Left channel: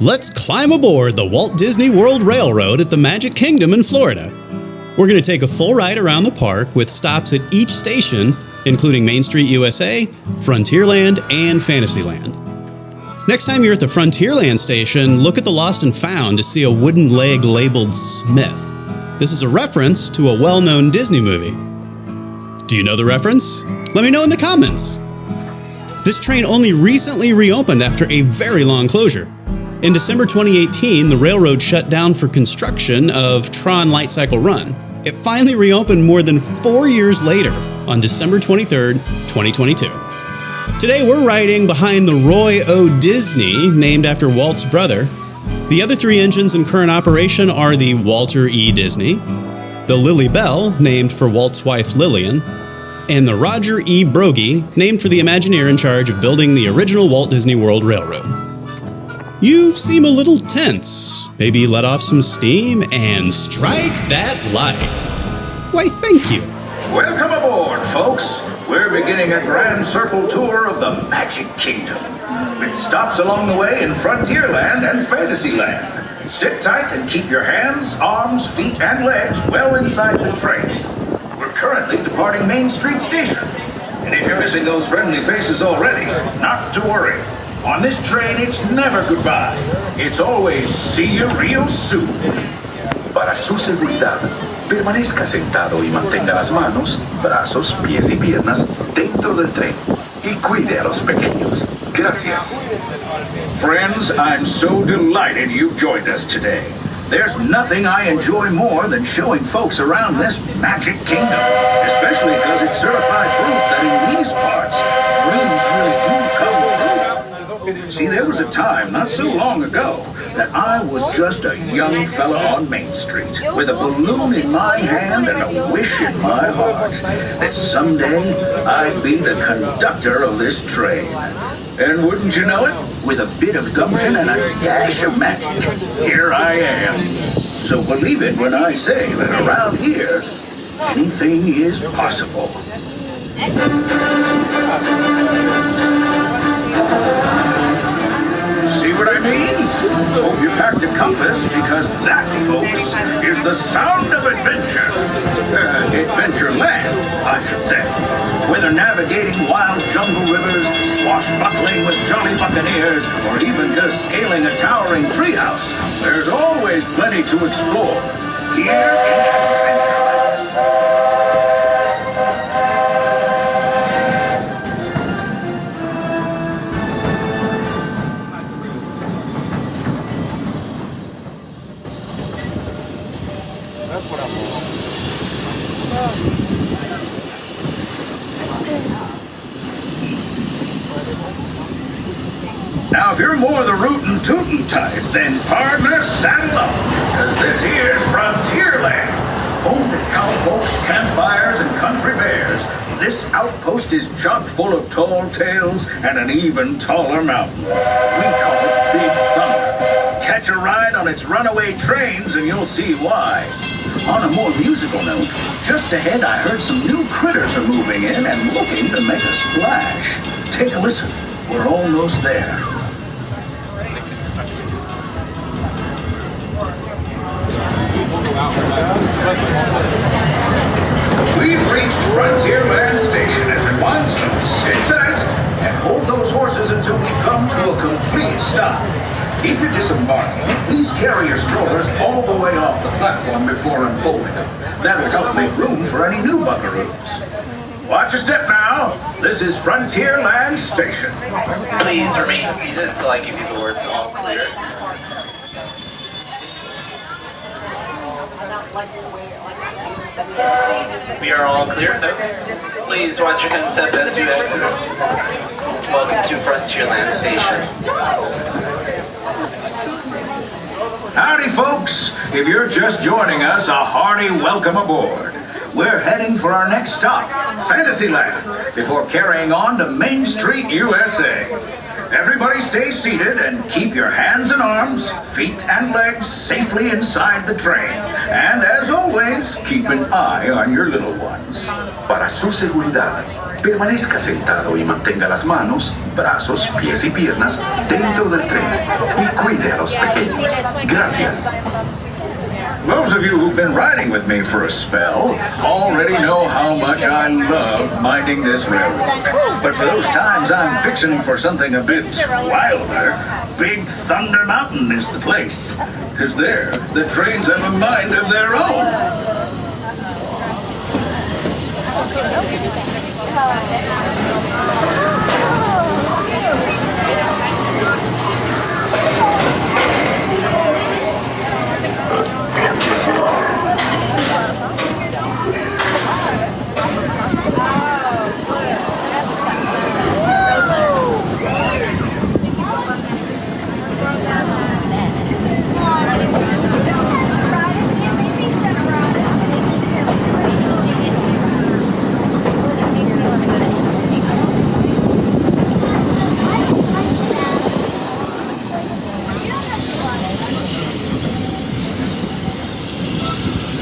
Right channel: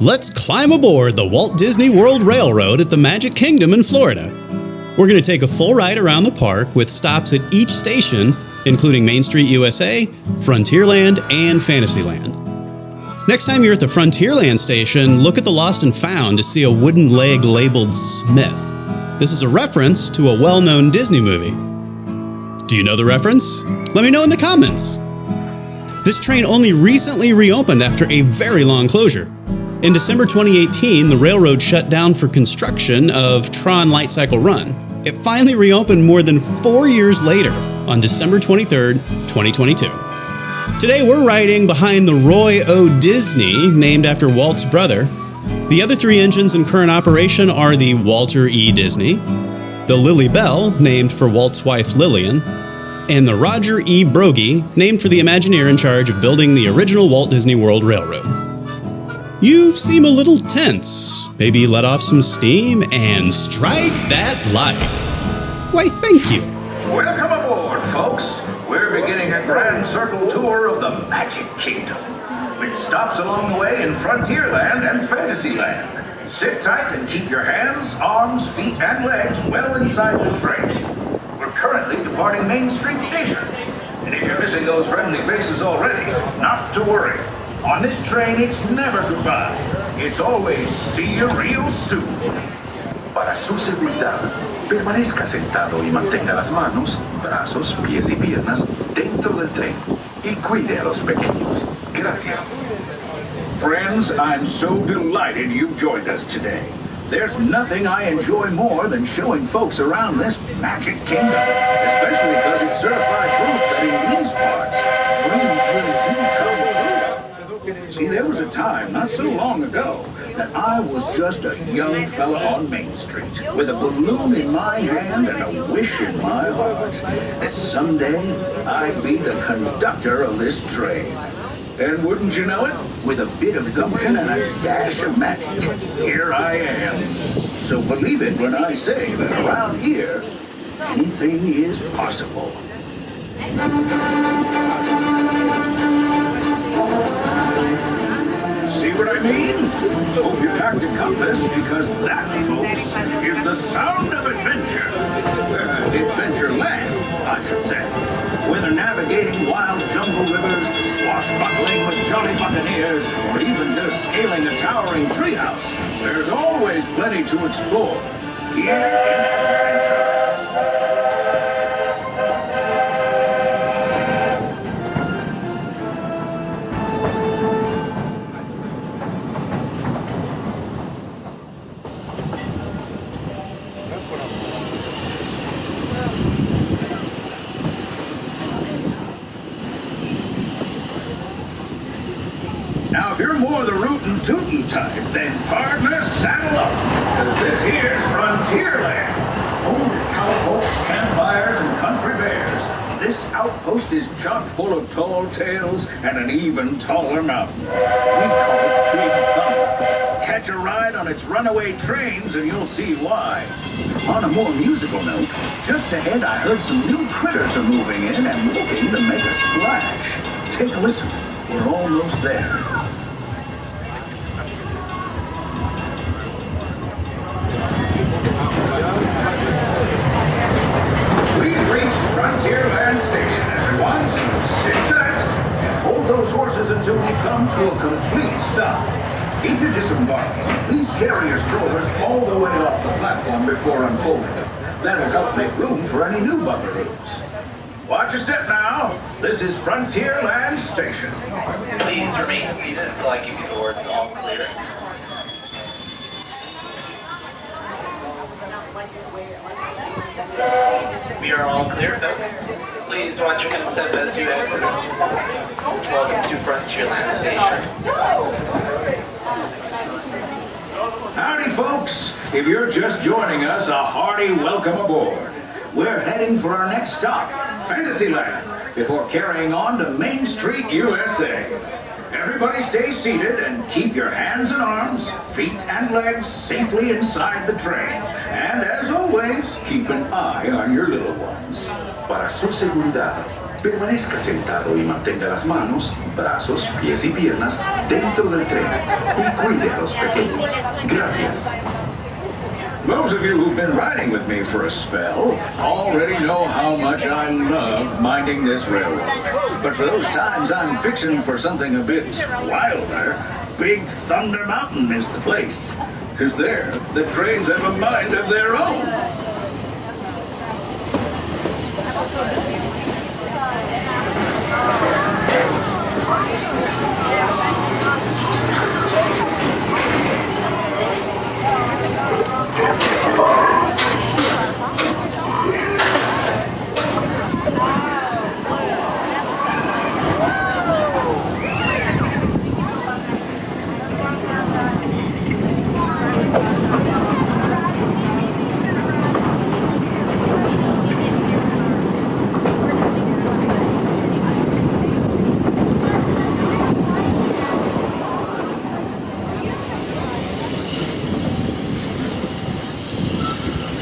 Let's climb aboard the Walt Disney World Railroad at the Magic Kingdom in Florida. We're going to take a full ride around the park with stops at each station, including Main Street USA, Frontierland, and Fantasyland. Next time you're at the Frontierland station, look at the Lost and Found to see a wooden leg labeled Smith. This is a reference to a well-known Disney movie. Do you know the reference? Let me know in the comments. This train only recently reopened after a very long closure. In December 2018, the railroad shut down for construction of Tron Light Cycle Run. It finally reopened more than 4 years later on December 23rd, 2022. Today we're riding behind the Roy O. Disney, named after Walt's brother. The other 3 engines in current operation are the Walter E. Disney, the Lily Bell, named for Walt's wife Lillian, and the Roger E. Brogy, named for the Imagineer in charge of building the original Walt Disney World Railroad. You seem a little tense. Maybe let off some steam and strike that like. Why, thank you. Welcome aboard, folks. We're beginning a grand circle tour of the Magic Kingdom, with stops along the way in Frontierland and Fantasyland. Sit tight and keep your hands, arms, feet, and legs well inside the train. We're currently departing Main Street Station. And if you're missing those friendly faces already, not to worry. On this train, it's never goodbye. It's always see you real soon. Para su seguridad, permanezca sentado y mantenga las manos, brazos, pies y piernas dentro del tren. Y cuide a los pequeños. Gracias. Friends, I'm so delighted you've joined us today. There's nothing I enjoy more than showing folks around this Magic Kingdom, especially because it's certified proof that in these parts, dreams really do come true. See, there was a time not so long ago that I was just a young fella on Main Street with a balloon in my hand and a wish in my heart that someday I'd be the conductor of this train. And wouldn't you know it, with a bit of gumption and a dash of magic, here I am. So believe it when I say that around here, anything is possible. See what I mean? Hope you packed a compass, because that, folks, is the sound of adventure. Adventureland, I should say. Whether navigating wild jungle rivers, swashbuckling with jolly buccaneers, or even just scaling a towering treehouse, there's always plenty to explore here in Adventureland. Now, if you're more the rootin' tootin' type, then partner, saddle up, because this here's Frontierland. Home to cowpokes, campfires, and country bears. This outpost is chock full of tall tales and an even taller mountain. We call it Big Thunder. Catch a ride on its runaway trains and you'll see why. On a more musical note, just ahead I heard some new critters are moving in and looking to make a splash. Take a listen. We're almost there. We've reached Frontierland Station, everyone, so sit tight and hold those horses until we come to a complete stop. If you're disembarking, please carry your strollers all the way off the platform before unfolding them. That'll help make room for any new buckaroos. Watch your step now. This is Frontierland Station. Please remain seated until I give you the words all clear. We are all clear, folks. Please watch your step as you exit. Welcome to Frontierland Station. Howdy, folks. If you're just joining us, a hearty welcome aboard. We're heading for our next stop, Fantasyland, before carrying on to Main Street, USA. Everybody stay seated and keep your hands and arms, feet and legs safely inside the train. And as always, keep an eye on your little ones. Para su seguridad, Permanezca sentado y mantenga las manos, brazos, pies y piernas dentro del tren y cuide a los pequeños. Gracias. Those of you who've been riding with me for a spell already know how much I love minding this road. But for those times I'm fixing for something a bit wilder, Big Thunder Mountain is the place. 'Cause there, the trains have a mind of their own.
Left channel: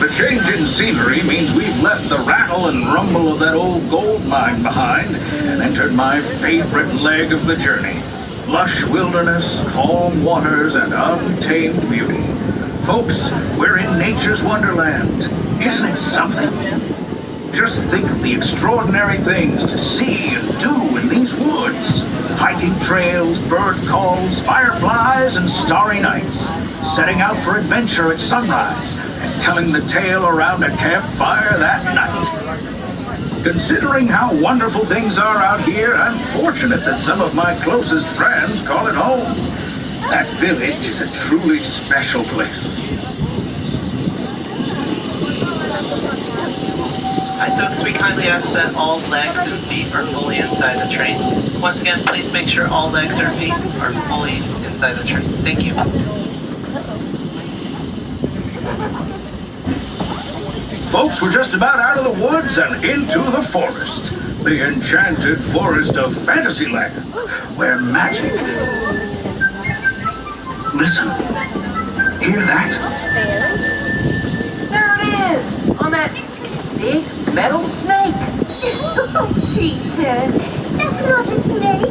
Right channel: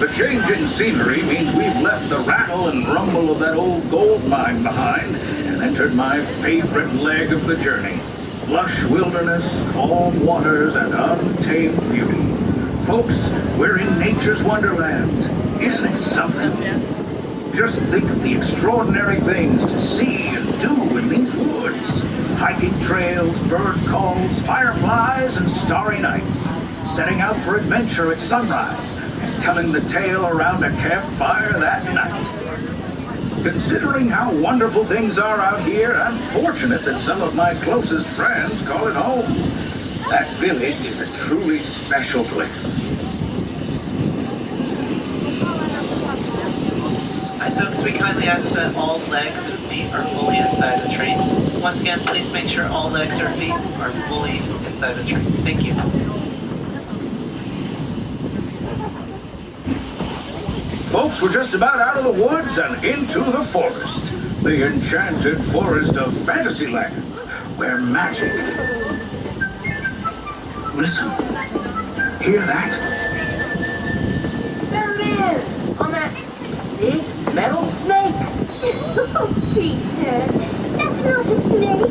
The change in scenery means we've left the rattle and rumble of that old gold mine behind and entered my favorite leg of the journey. Lush wilderness, calm waters, and untamed beauty. Folks, we're in nature's wonderland. Isn't it something? Just think of the extraordinary things to see and do in these woods. Hiking trails, bird calls, fireflies, and starry nights. Setting out for adventure at sunrise. Telling the tale around a campfire that night. Considering how wonderful things are out here, I'm fortunate that some of my closest friends call it home. That village is a truly special place. Hi folks, we kindly ask that all legs and feet are fully inside the train. Once again, please make sure all legs or feet are fully inside the train. Thank you. Folks, we're just about out of the woods and into the forest. The enchanted forest of Fantasyland, where magic... Listen. Hear that? There it is! On that big metal snake! Oh, Peter, that's not a snake.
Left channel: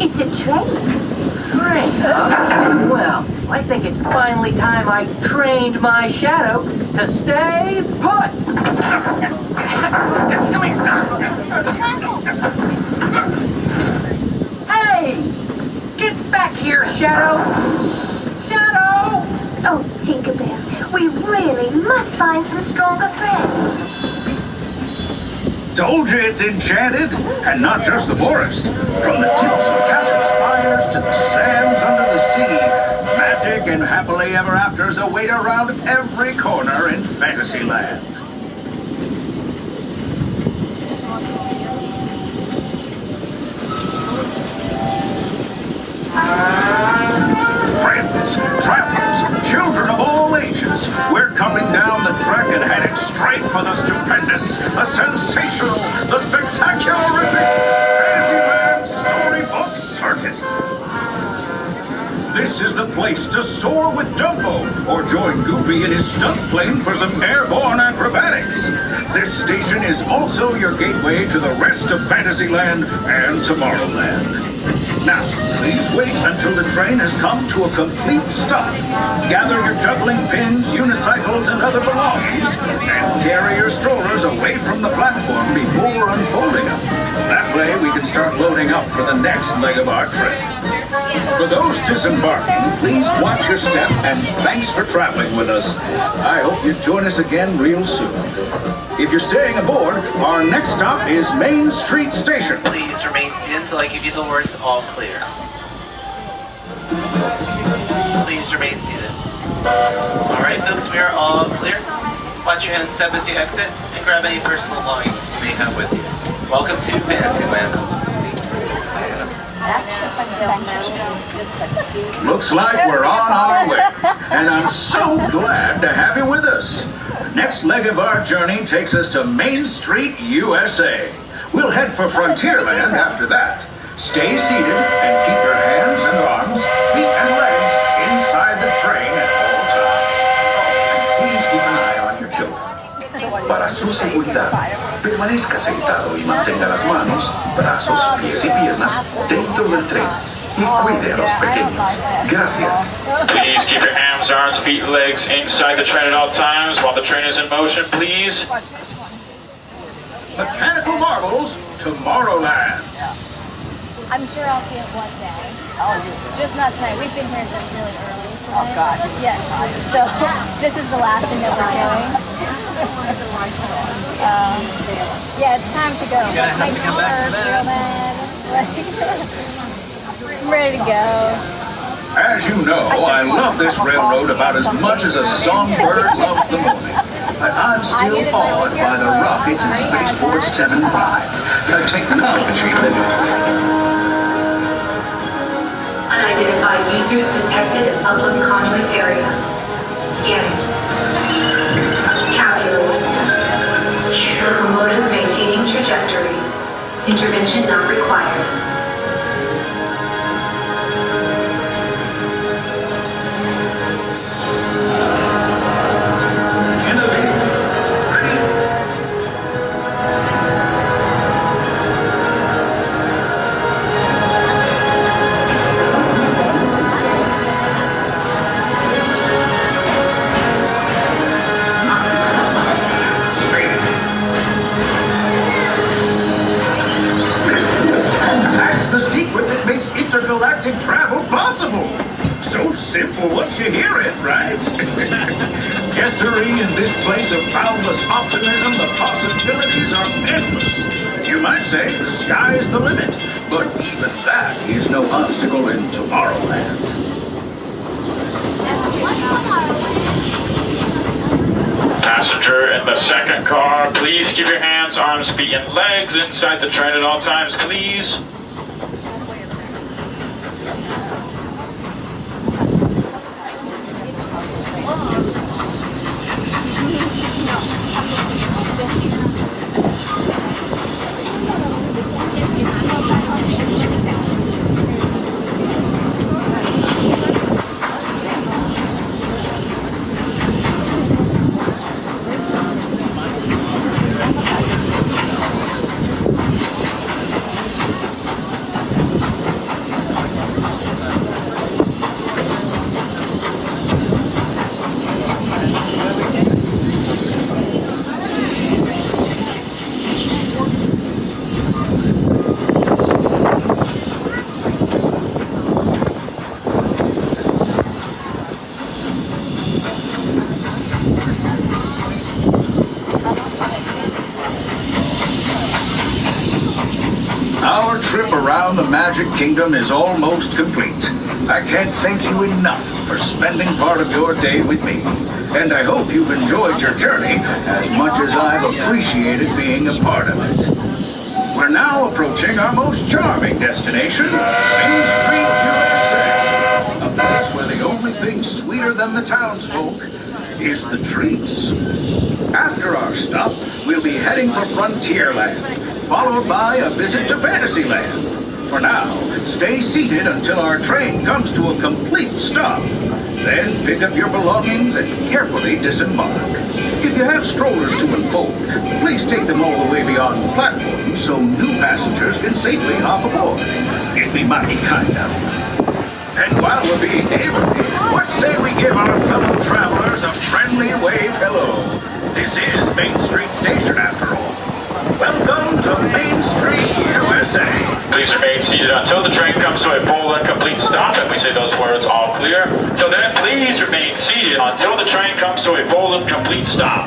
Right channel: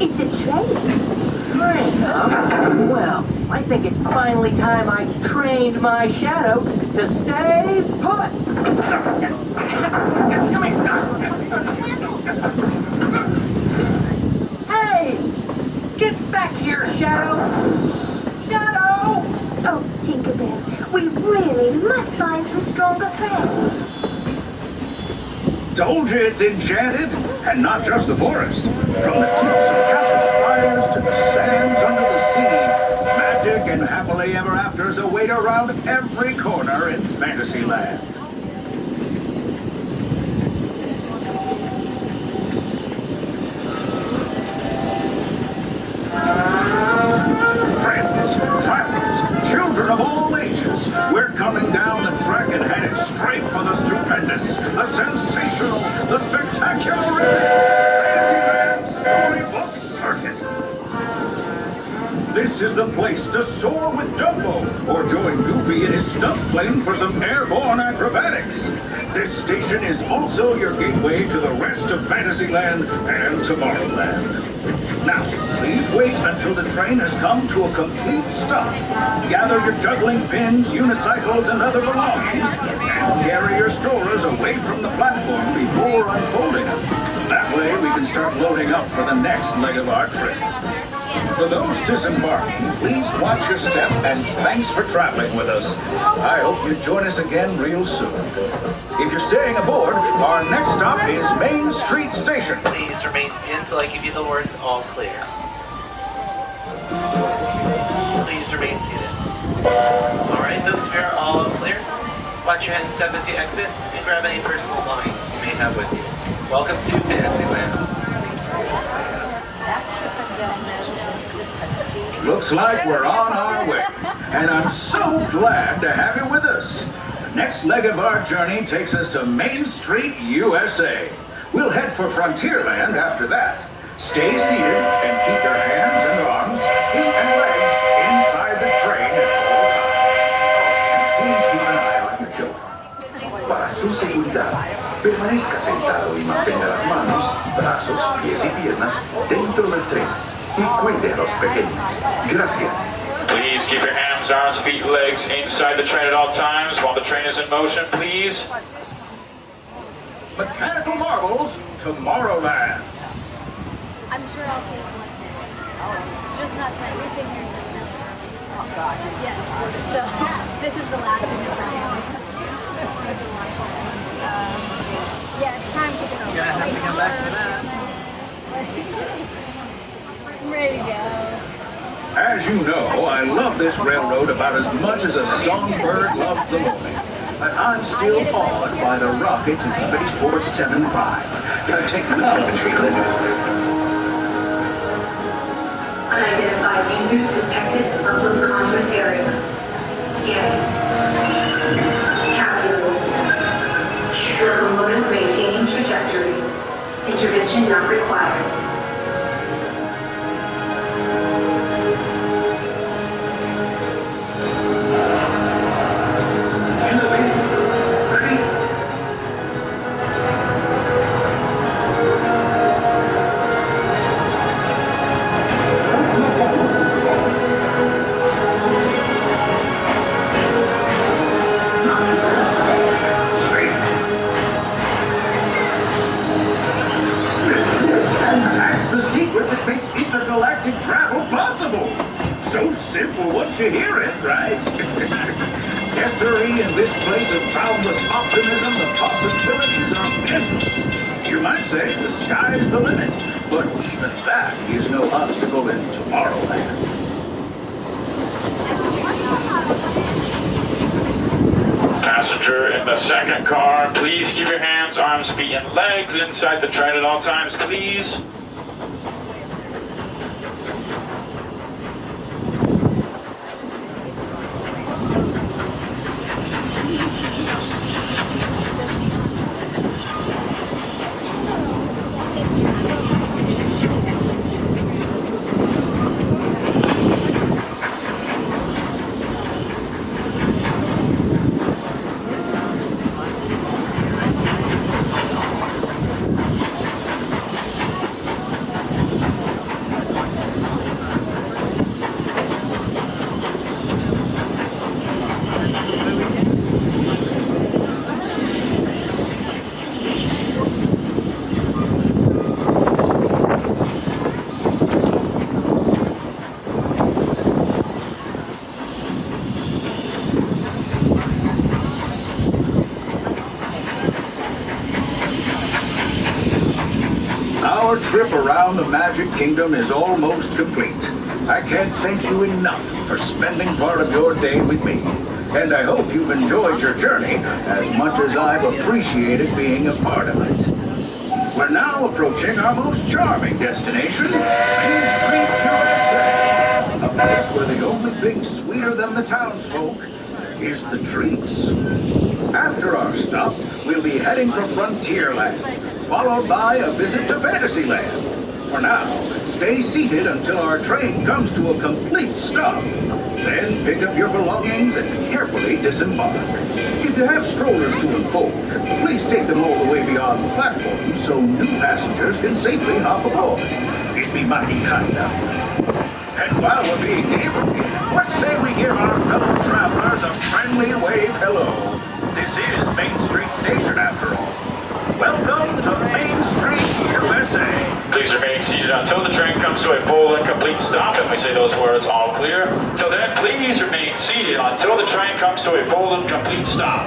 It's a train. Train, huh? Well, I think it's finally time I trained my shadow to stay put! Hey! Get back here, Shadow! Shadow! Oh, Tinkerbell, we really must find some stronger friends. Told you it's enchanted, and not just the forest. From the tips of castle spires to the sands under the sea, magic and happily ever afters await around every corner in Fantasyland. Friends, travelers, children of all ages, we're coming down the track and headed straight for the stupendous, the sensational, the spectacular Fantasyland Storybook Circus. This is the place to soar with Dumbo or join Goofy in his stunt plane for some airborne acrobatics. This station is also your gateway to the rest of Fantasyland and Tomorrowland. Now, please wait until the train has come to a complete stop. Gather your juggling pins, unicycles, and other belongings, and carry your strollers away from the platform before unfolding them. That way we can start loading up for the next leg of our trip. For those disembarking, please watch your step, and thanks for traveling with us. I hope you join us again real soon. If you're staying aboard, our next stop is Main Street Station. Please remain seated until I give you the words all clear. Please remain seated. Alright folks, we are all clear. Watch your hands step as you exit and grab any personal belongings you may have with you. Welcome to Fantasyland. Looks like we're on our way, and I'm so glad to have you with us. The next leg of our journey takes us to Main Street, USA. We'll head for Frontierland after that. Stay seated and keep your hands and arms, feet and legs inside the train at all times. And please keep an eye on your children. Para su seguridad, Permanezca sentado y mantenga las manos, brazos, pies y piernas dentro del tren. Y cuide a los pequeños. Gracias. Please keep your arms, feet, and legs inside the train at all times while the train is in motion, please. Mechanical Marvels, Tomorrowland. I'm sure I'll see it one day. Just not tonight. We've been here really early. Oh, God. Yeah. So this is the last thing that we're doing. Yeah, it's time to go. You're gonna have to come back for that. I'm ready to go. As you know, I love this railroad about as much as a songbird loves the morning. But I'm still awed by the rockets in Spaceport 75. Technology. Unidentified users detected at public conduit area. Scanning. Calculating. Locomotive maintaining trajectory. Intervention not required. Travel possible. So simple once you hear it, right? Yes, sirree, in this place of boundless optimism, the possibilities are endless. You might say the sky is the limit, but even that is no obstacle in Tomorrowland. Passenger in the second car, please keep your hands, arms, feet, and legs inside the train at all times, please. Our trip around the Magic Kingdom is almost complete. I can't thank you enough for spending part of your day with me. And I hope you've enjoyed your journey as much as I've appreciated being a part of it. We're now approaching our most charming destination, Main Street, USA. A place where the only thing sweeter than the townsfolk is the treats. After our stop, we'll be heading for Frontierland, followed by a visit to Fantasyland. For now, stay seated until our train comes to a complete stop. Then pick up your belongings and carefully disembark. If you have strollers to unfold, please take them all the way beyond the platform so new passengers can safely hop aboard. It'd be mighty kind of you. And while we're being neighborly, what say we give our fellow travelers a friendly wave hello? This is Main Street Station, after all. Welcome to Main Street, USA. Please remain seated until the train comes to a full and complete stop, and we say those words all clear. Till then, please remain seated until the train comes to a full and complete stop.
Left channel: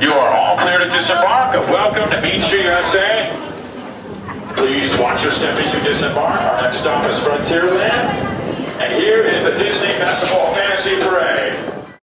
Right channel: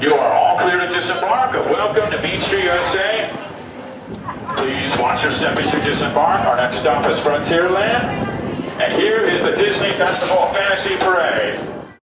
You are all clear to disembark. Welcome to Main Street, USA. Please watch your step as you disembark. Our next stop is Frontierland. And here is the Disney Festival Fantasy Parade.